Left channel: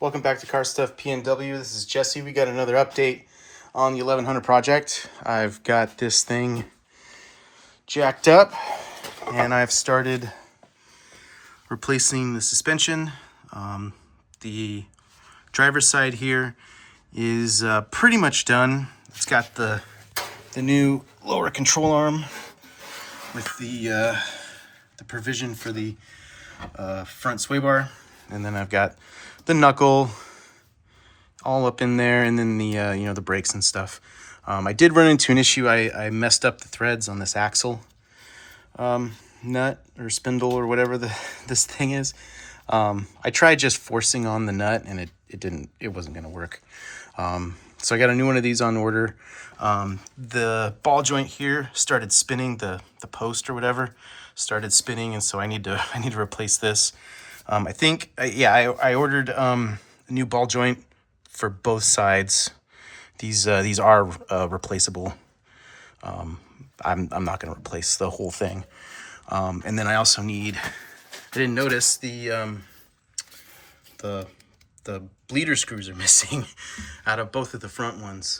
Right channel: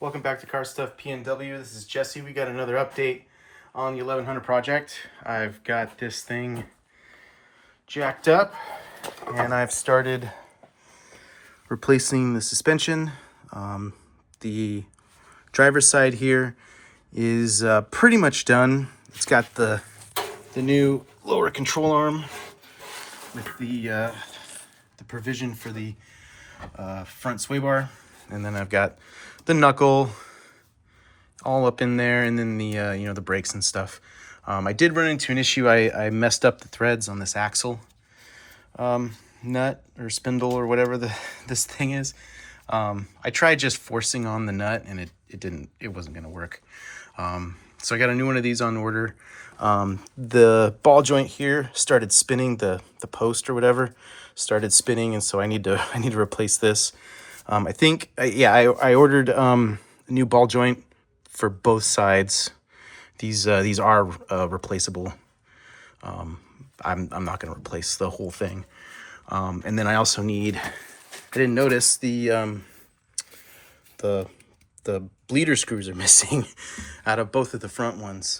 Welcome back to Car Stuff PNW. This is Jesse. We got another update on the 1100 project. I've got this thing jacked up and I've started replacing the suspension. The driver's side here is pretty much done. It's got the new lower control arm with the provision for the front sway bar, and then I've got the knuckle all up in there, and then the the brakes and stuff. I did run into an issue. I messed up the threads on this axle nut or spindle or whatever this thing is. I tried just forcing on the nut, and it wasn't gonna work. So I got a new one of these on order. The ball joint here started spinning, the post or whatever started spinning, and so I need to replace this. I think I ordered a new ball joint for both sides. These are replaceable. I'm not going to replace the whole thing. And then I also need, I didn't notice the bleeder screws are missing out of both of the front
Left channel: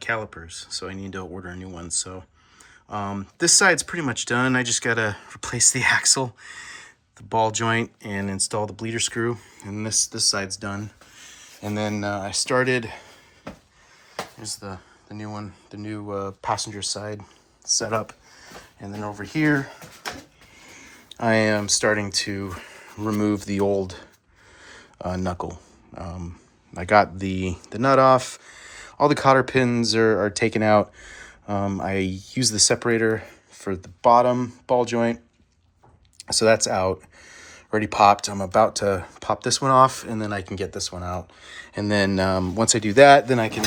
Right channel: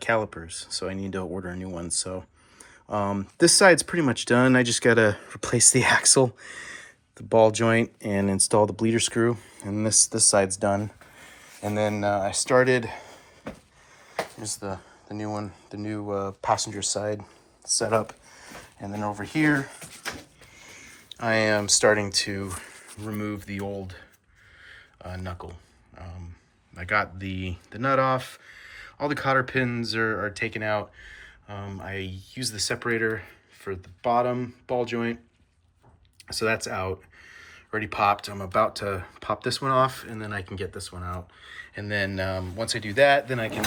calipers. So I need to order a new one. So this side's pretty much done. I just got to replace the axle, the ball joint, and install the bleeder screw. And this side's done. And then I started, here's the new one, the new passenger side setup. And then over here, I am starting to remove the old knuckle. I got the nut off. All the cotter pins are taken out. I use the separator for the bottom ball joint. So that's out, already popped. I'm about to pop this one off, and then I can get this one out. And then once I do that, then I can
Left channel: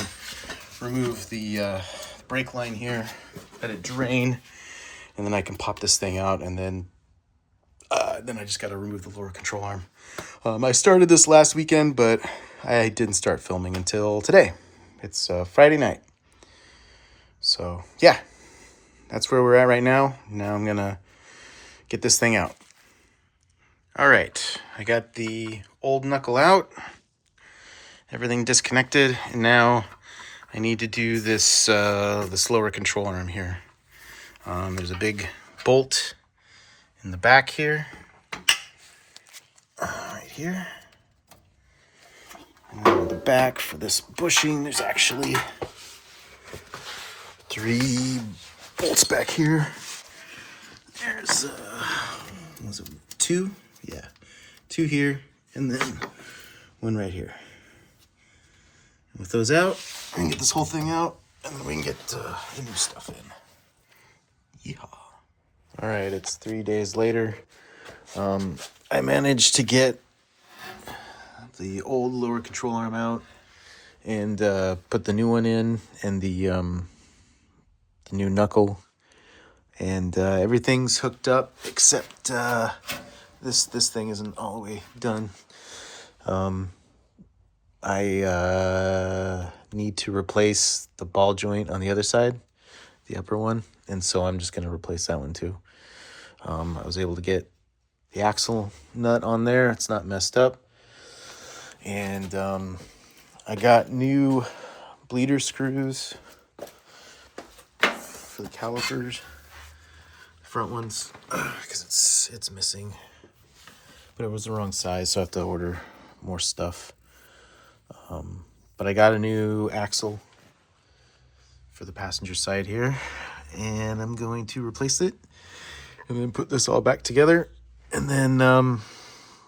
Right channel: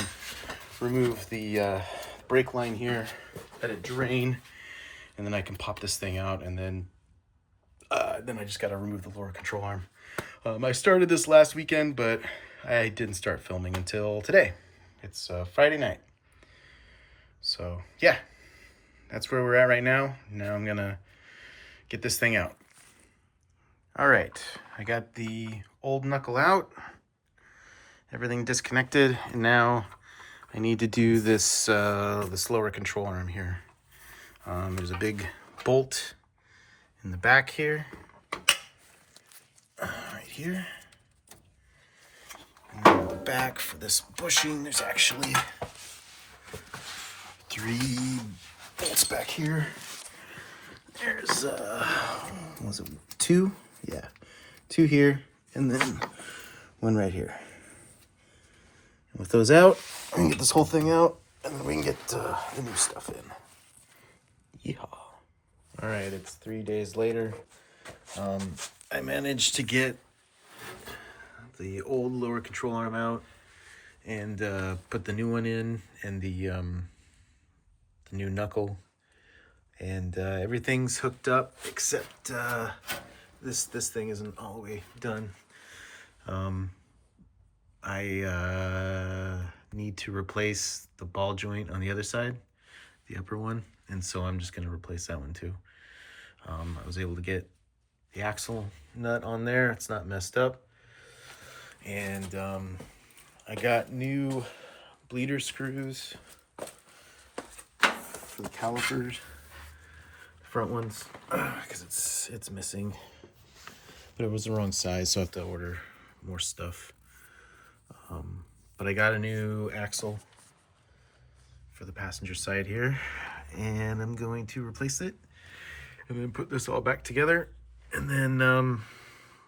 remove the brake line here, let it drain, and then I can pop this thing out, and then I just got to remove the lower control arm. I started this last weekend, but I didn't start filming until today. It's Friday night. So yeah, that's where we're at right now. Now I'm gonna get this thing out. All right, I got the old knuckle out, everything disconnected, and now I need to do this lower control arm here. There's a big bolt in the back here, right here. And then the back for this bushing, there's actually 3 bolts back here. There's was it 2? Yeah, 2 here, and then 1 right here. And with those out, I can get this whole thing out, and then we can get the new stuff in. Yeehaw. All right, it's 3 days later. I managed to get the old lower control arm out and put the new one in, and the new knuckle, and everything's hooked up except this thing isn't all the way done. I need to replace the ball joint on the other side, the upper one, and so I'm just going to replace that one too. I was able to get the axle nut on there. It's not messed up. And I got new bleeder screws for the calipers, front ones, because it's missing. But it was the wrong size, so I have to order more stuff. But I got a new axle for the passenger side here, and I'm going to replace it and then put this all back together. And then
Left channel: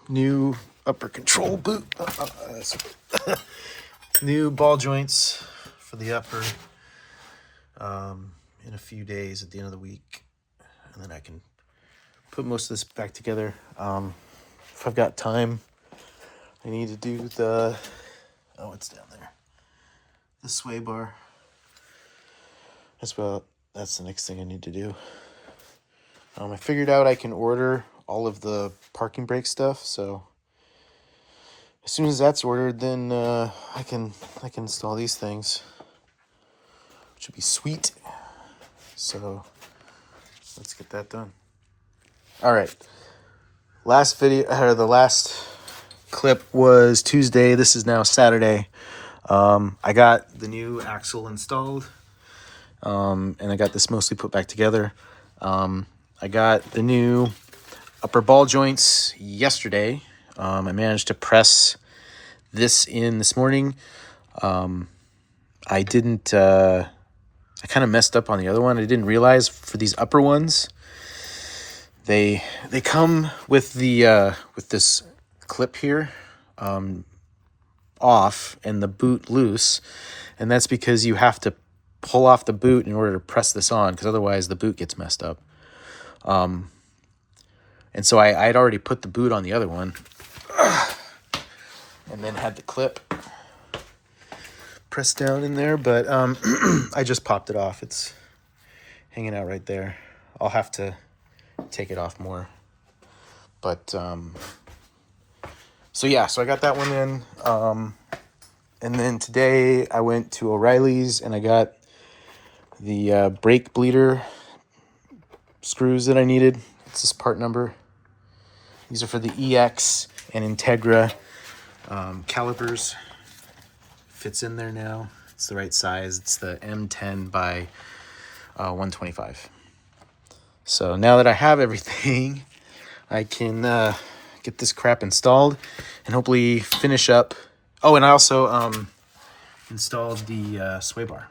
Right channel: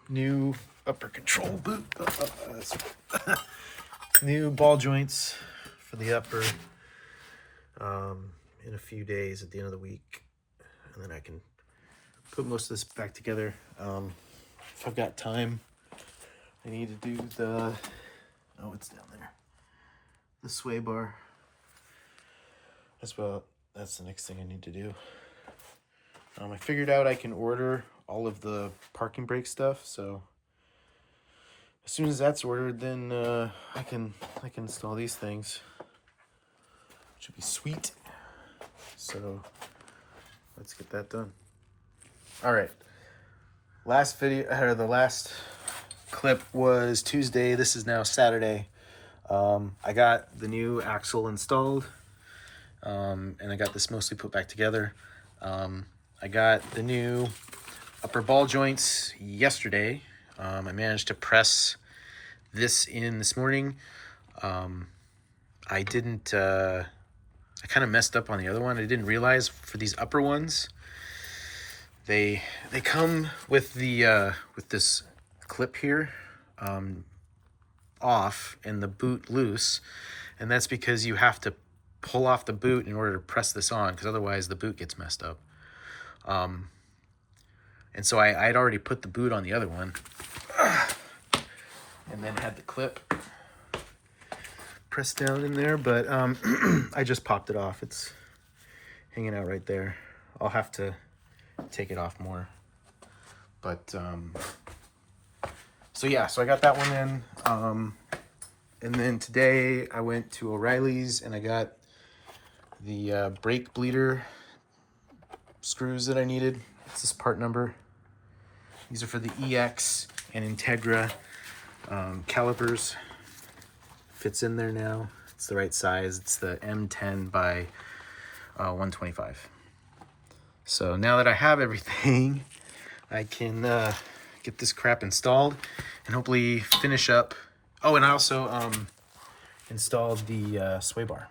new upper control boot, new ball joints for the upper in a few days at the end of the week, and then I can put most of this back together. If I've got time, I need to do it's down there, the sway bar. That's the next thing I need to do. I figured out I can order all of the parking brake stuff, so as soon as that's ordered, then I can install these things, which would be sweet. So let's get that done. All right, the last clip was Tuesday. This is now Saturday. I got the new axle installed, and I got this mostly put back together. I got the new upper ball joints yesterday. I managed to press this in this morning. I didn't, I kind of messed up on the other one. I didn't realize for these upper ones, they come with the, with this clip here, off and the boot loose. And that's because you have to pull off the boot in order to press this on, because otherwise the boot gets messed up. And so I'd already put the boot on the other one and then had the clip pressed down in there, but I just popped it off. It's hanging out right there. I'll have to take it off more. But so yeah, so I got that one in. And then today I went to O'Reilly's and I got the brake bleeder screws that I needed. It's this part number. These are for the EX and Integra calipers. Fits in there now. It's the right size. It's the M10 by 125. So now that I have everything, I can get this crap installed and hopefully finish up. Oh, and I also installed the sway bar.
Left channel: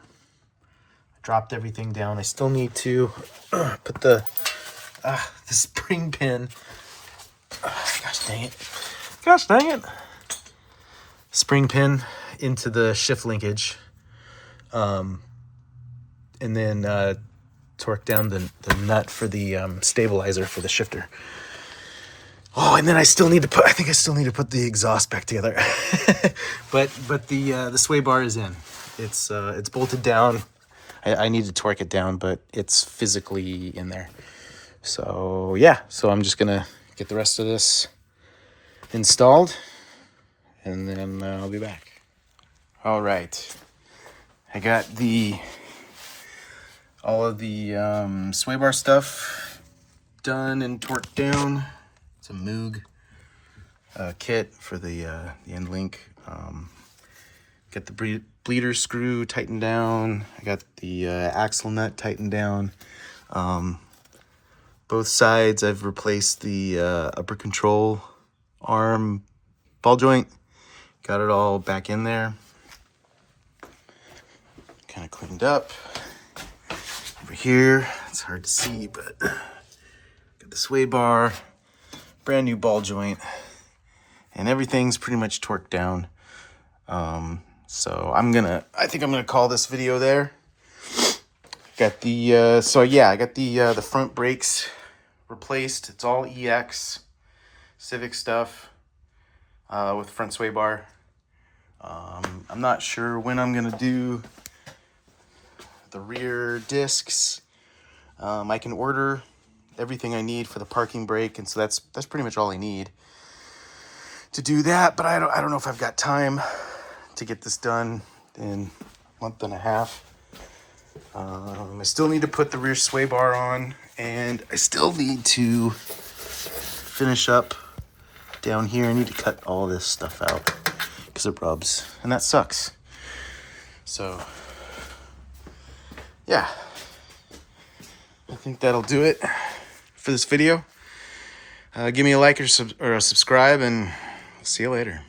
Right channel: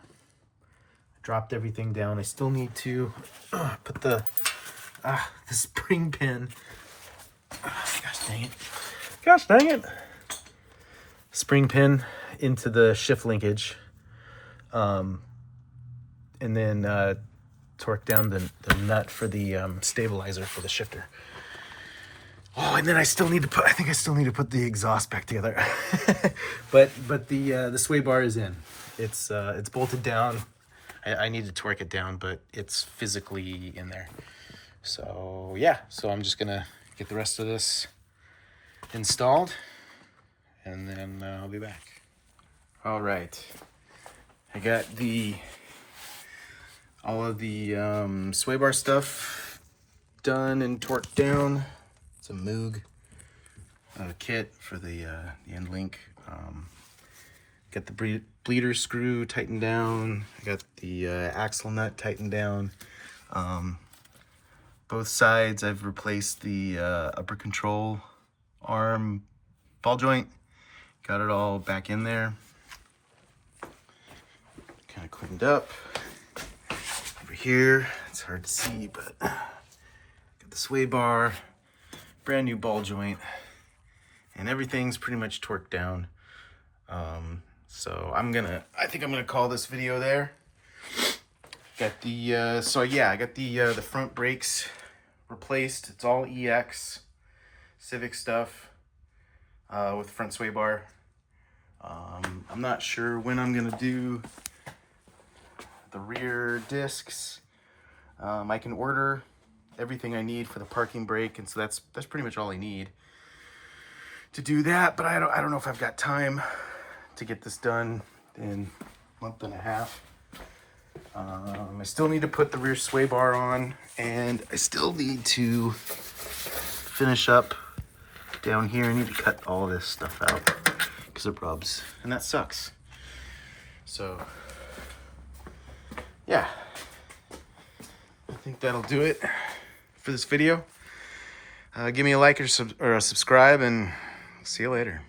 Dropped everything down. I still need to put the spring pin. Gosh dang it. Gosh dang it. Spring pin into the shift linkage. And then torque down the nut for the stabilizer for the shifter. Oh, and then I still need to put, I think I still need to put the exhaust back together. but the sway bar is in. It's bolted down. I need to torque it down, but it's physically in there. So yeah, so I'm just gonna get the rest of this installed and then I'll be back. All right, I got all of the sway bar stuff done and torqued down. It's a Moog kit for the end link. Got the bleeder screw tightened down. I got the axle nut tightened down. Both sides I've replaced the upper control arm ball joint. Got it all back in there. Kind of cleaned up. Over here, it's hard to see, but got the sway bar, brand new ball joint, and everything's pretty much torqued down. So I think I'm gonna call this video there. Got the so yeah, I got the front brakes replaced. It's all EX Civic stuff with front sway bar. I'm not sure when I'm gonna do the rear discs. I can order everything I need for the parking brake, and so that's pretty much all I need to do that. But I don't know if I've got time to get this done in a month and a half. I still need to put the rear sway bar on, and I still need to finish up down here. I need to cut all this stuff out because it rubs, and that sucks. So yeah, I think that'll do it for this video. Give me a like or a subscribe, and see you later.